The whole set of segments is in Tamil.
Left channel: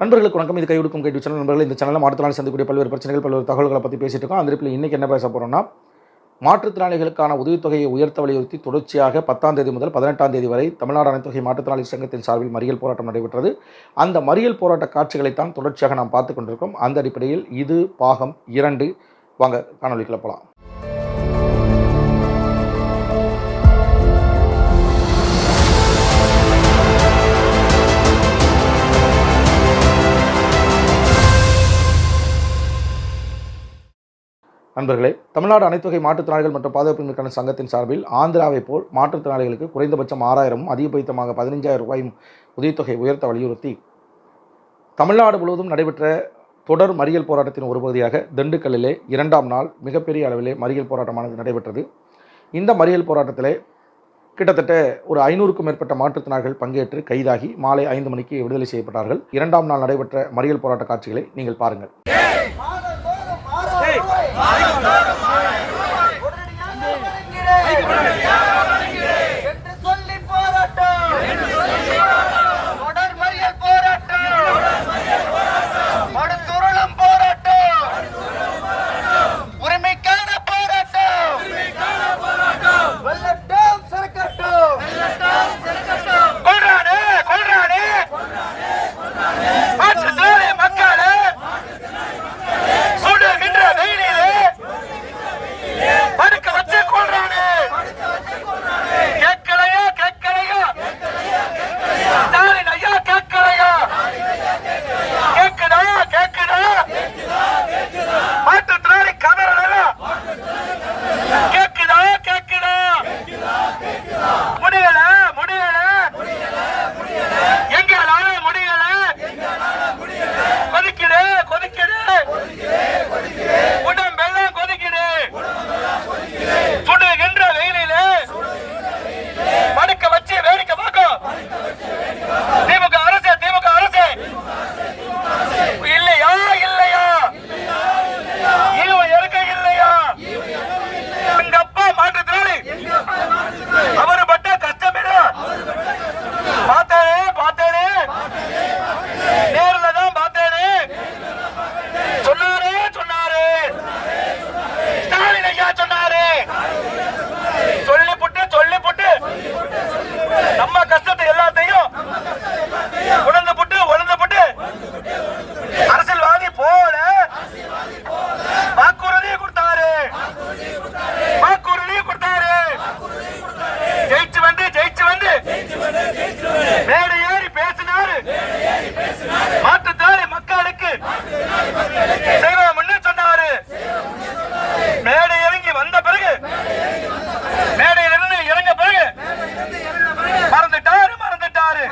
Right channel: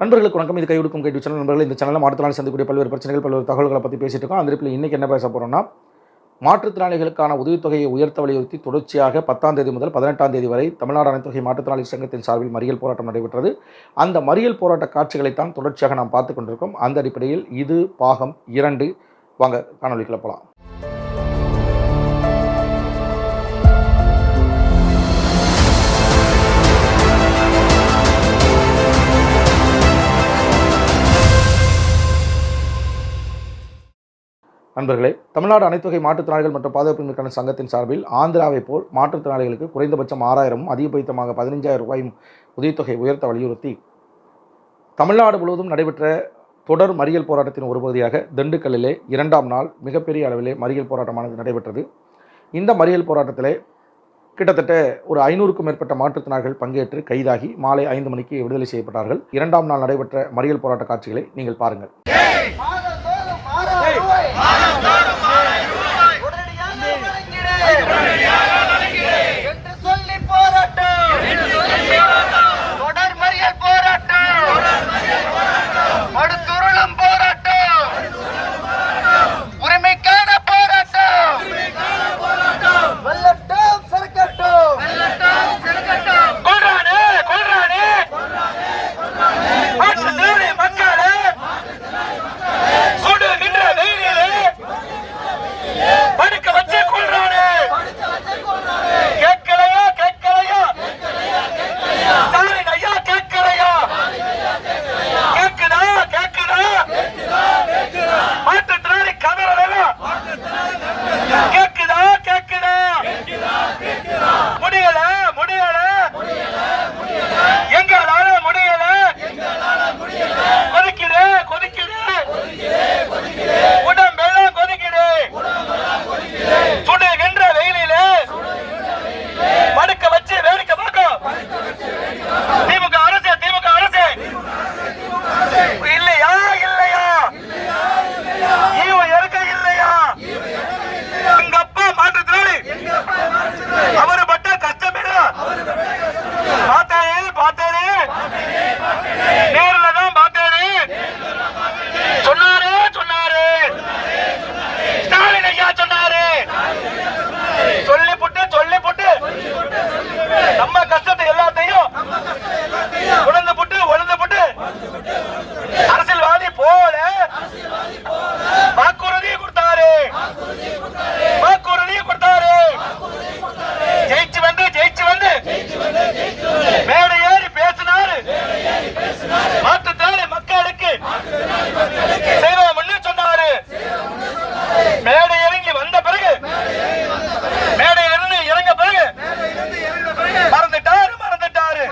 நண்பர்களுக்கு வணக்கம். இது கைவிடுக்கும் கைடு சேனல். நண்பர்கள், இந்த சேனலில் மாற்றுத்திறனாளி சந்திக்கக்கூடிய பல்வேறு பிரச்சனைகள், பல்வேறு தகவல்களை பற்றி பேசிட்டு இருக்கோம். அந்த இடத்துல இன்றைக்கி என்ன பேச போகிறோம்னா, மாற்றுத்திறனாளிகளுக்கான உதவித்தொகையை உயர்த்த வலியுறுத்தி தொடர்ச்சியாக 10ஆம் தேதி முதல் 18ஆம் தேதி வரை தமிழ்நாடு அனைத்துவகை மாற்றுத்திறனாளி சங்கத்தின் சார்பில் மறியல் போராட்டம் நடைபெற்றது. அந்த மறியல் போராட்ட காட்சிகளைத்தான் தொடர்ச்சியாக நாம் பார்த்து கொண்டிருக்கோம். அந்த அடிப்படையில் இது பாகம் 2. வாங்க காணொலிக்குள்ள போகலாம். நண்பர்களே, தமிழ்நாடு அனைத்துவகை மாற்றுத்திறனாளிகள் மற்றும் பாதுகாப்பின்மைக்கான சங்கத்தின் சார்பில் ஆந்திராவை போல் மாற்றுத்திறனாளிகளுக்கு குறைந்தபட்சம் 6,000 அதிகபட்சமாக 15,000 ரூபாயும் உதவித்தொகை உயர்த்த வலியுறுத்தி தமிழ்நாடு முழுவதும் நடைபெற்ற தொடர் மறியல் போராட்டத்தின் ஒரு பகுதியாக திண்டுக்கல்லிலே 2ஆம் நாள் மிகப்பெரிய அளவிலே மறியல் போராட்டமானது நடைபெற்றது. இந்த மறியல் போராட்டத்திலே கிட்டத்தட்ட ஒரு 500க்கும் மேற்பட்ட மாற்றுத்திறனாளிகள் பங்கேற்று கைதாகி மாலை 5 மணிக்கு விடுதலை செய்யப்பட்டார்கள். 2ஆம் நாள் நடைபெற்ற மறியல் போராட்ட காட்சிகளை நீங்கள் பாருங்கள். நம்ம கஷ்டத்தை எல்லாத்தையும் உணர்ந்து போட்டு அரசியல்வாதி போல வாக்குறுதியை கொடுத்தாரு. ஜெயிச்சு வந்து மேடை ஏறி பேசினாரு. மாற்றுத்திறனாளி மக்களுக்கு செய்வோம்னு சொன்னாரு. மேடை இறங்கி வந்த பிறகு, மேடையிலிருந்து இறங்க பிறகு மறந்துட்டாரு.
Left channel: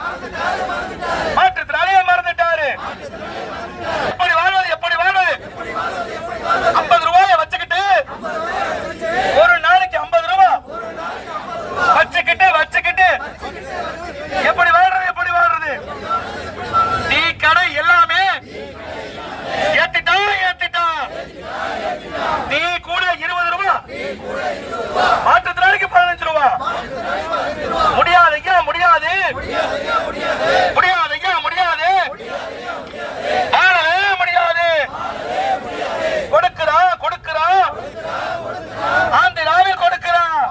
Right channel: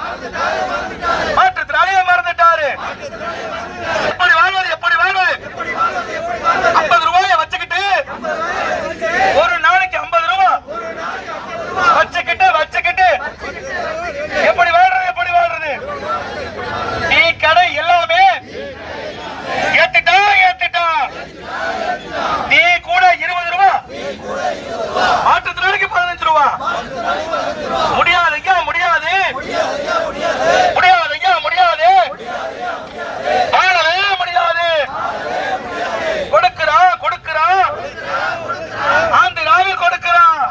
மாற்றுத்திறனாளியை மறந்துட்டாரு. எப்படி வாழ்வது 50 ரூபாயை வச்சுக்கிட்டு, ஒரு நாளைக்கு 50 ரூபாய் வச்சுக்கிட்டு எப்படி வாழ்றது? டீ கடை எல்லாமே ஏத்திட்டா. டீ கூட 20 ரூபாய், மாற்றுத்திறனாளிக்கு 15 ரூபாய். முடியாது. வாழவே முடியாது. கொடுக்கிறான். ஆந்திராவில் கொடுக்கிறான்.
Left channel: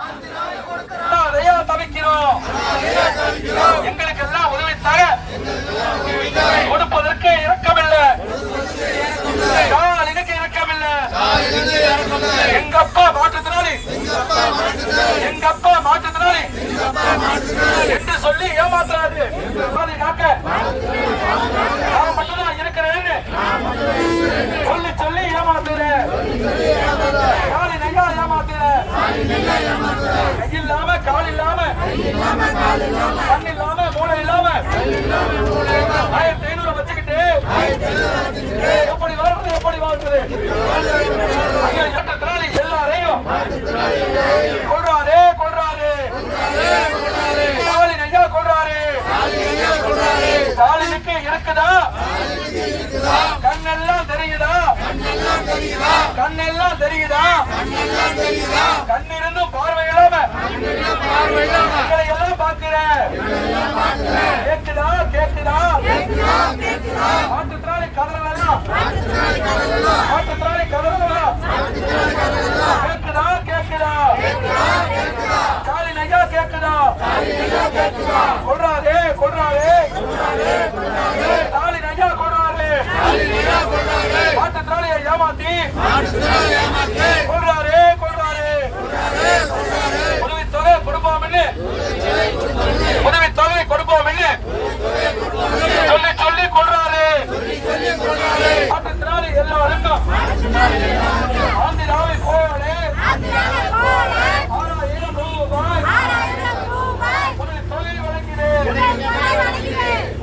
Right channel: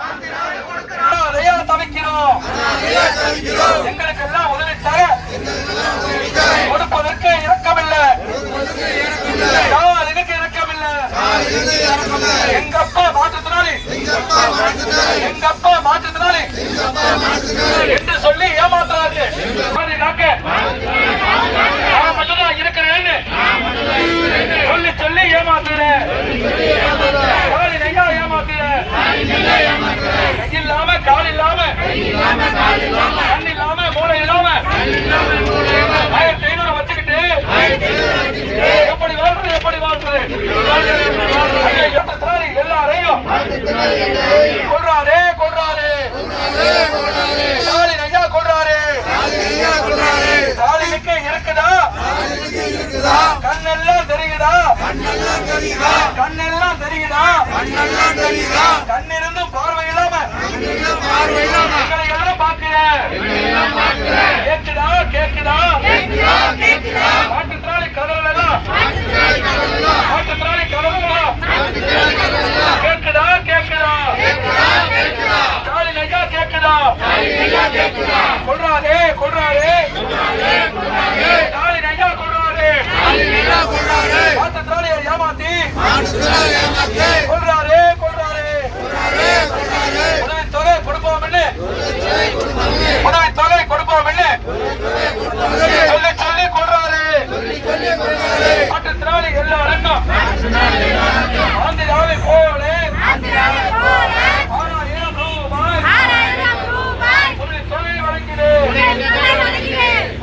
தவிக்கிறோம். எங்களுக்கெல்லாம் உதவி தர கொடுப்பதற்கு இரக்கமில்லை. எங்க அப்பா மாற்றுத்திறனாளி என்று சொல்லி ஏமாத்தாது. நான் மட்டும்தான் இருக்கிறேன்னு சொல்லி ஏமாத்துறேன். ஏமாத்துறேன். இல்லாம கால் இல்லாம கண் இல்லாம மூளை இல்லாம 1500 வச்சுக்கிட்டு எப்படி வாழ்றது? எல்லாரையும் கொள்றாரு. ஸ்டாலின் ஐயா கொள்றாரு. ஸ்டாலினுக்கு இருக்குதா? கண்ணெல்லாம் தெரியுதா? கண்ணிருந்தும் பார்வை இல்லாம எங்களை எல்லாம் பார்க்கிறேன். கேக்குதா? கொள்றாதே கொள்றாதே ஸ்டாலின் ஐயா கொள்றாதே மாற்றுத்திறனாளியை ஏமாத்தி கொள்றாரே கொள்றாரே உதவித்தொகை கொடுப்போம் என்ன உதவித்தொகை கொடுப்போம் என்ன சொல்லி சொல்லி கொள்றாரு மாற்றுத்திறனாளி எல்லாருக்கும் ஆந்திராவை போலே 6000 ரூபாய் உதவித்தொகை வழங்கினேன்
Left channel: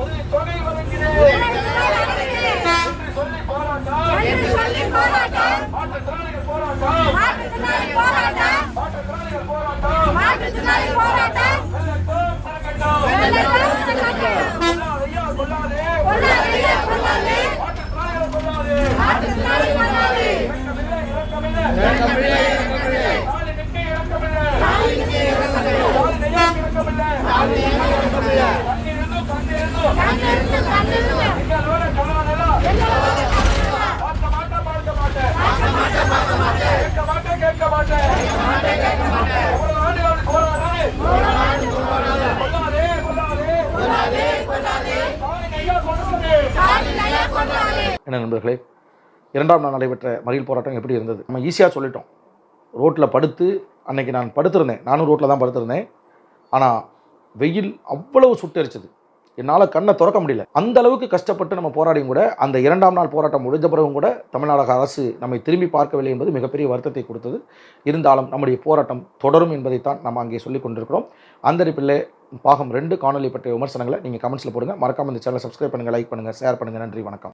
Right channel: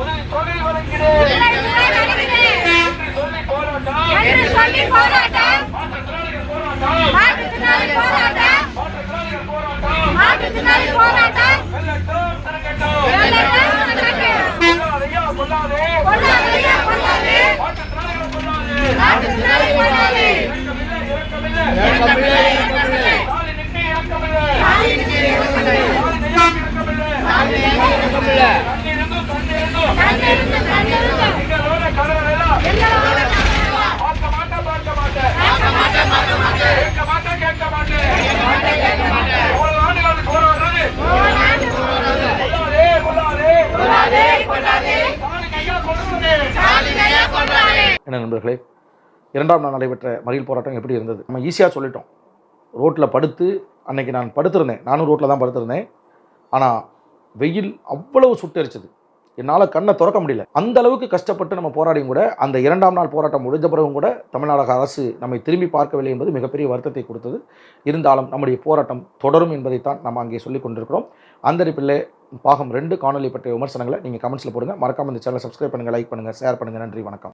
உதவித்தொகை வழங்கினேன் என்று சொல்லி போராட்டம் மாற்றுத்திறனாளிகள் போராட்டம் வெள்ளட்டும் திறக்கட்டும் கொள்ளாதே மாற்றுத்திறனாளிகளை கொள்ளாதே இரக்கமில்லை ஸ்டாலினுக்கு இரக்கமில்லை கண்ணிருந்தும் எங்களோட கணவரெல்லாம் பார்க்க மாட்டேன் கேட்க மாட்டேன் எவ்வளவு ஆண்டுகளுக்கு போராடுறது என்ன நண்பர்களே, 2ஆம் நாள் நடைபெற்ற மறியல் போராட்டம் எப்படி இருந்தது? நம்ம ஈஸியாக சொல்லிட்டோம். ரோட்டில் படுத்து அன்னைக்கு நான் படுத்திருந்தேன், நானும் ரோட்டில் தான் படுத்திருந்தேன். ஆனால் வெயில் அவ்வளவு சுட்டரிச்சது, என்னால் கண்ணை திறக்க முடியல. அந்த அளவுக்கு கஷ்டப்பட்டு நம்ம போராடியும் கூட அந்த 2ஆம் நாள் போராட்டம் முடிஞ்ச பிறகும் கூட தமிழ்நாடு அரசு நம்மை திரும்பி பார்க்கவில்லை என்பது மிகப்பெரிய வருத்தத்தை கொடுத்தது. இருந்தாலும் நம்முடைய போராட்டம் தொடரும் என்பதைத்தான் நம்ம அங்கே சொல்லிக் கொண்டிருக்கிறோம். அந்த அடிப்பில் பாகம் 2 காணொலி பற்றிய விமர்சனங்களை நீங்கள் கமெண்ட்ஸில் போடுங்க. மறக்காமல் இந்த சேனலை சப்ஸ்கிரைப் பண்ணுங்கள், லைக் பண்ணுங்கள், ஷேர் பண்ணுங்கள். நன்றி, வணக்கம்.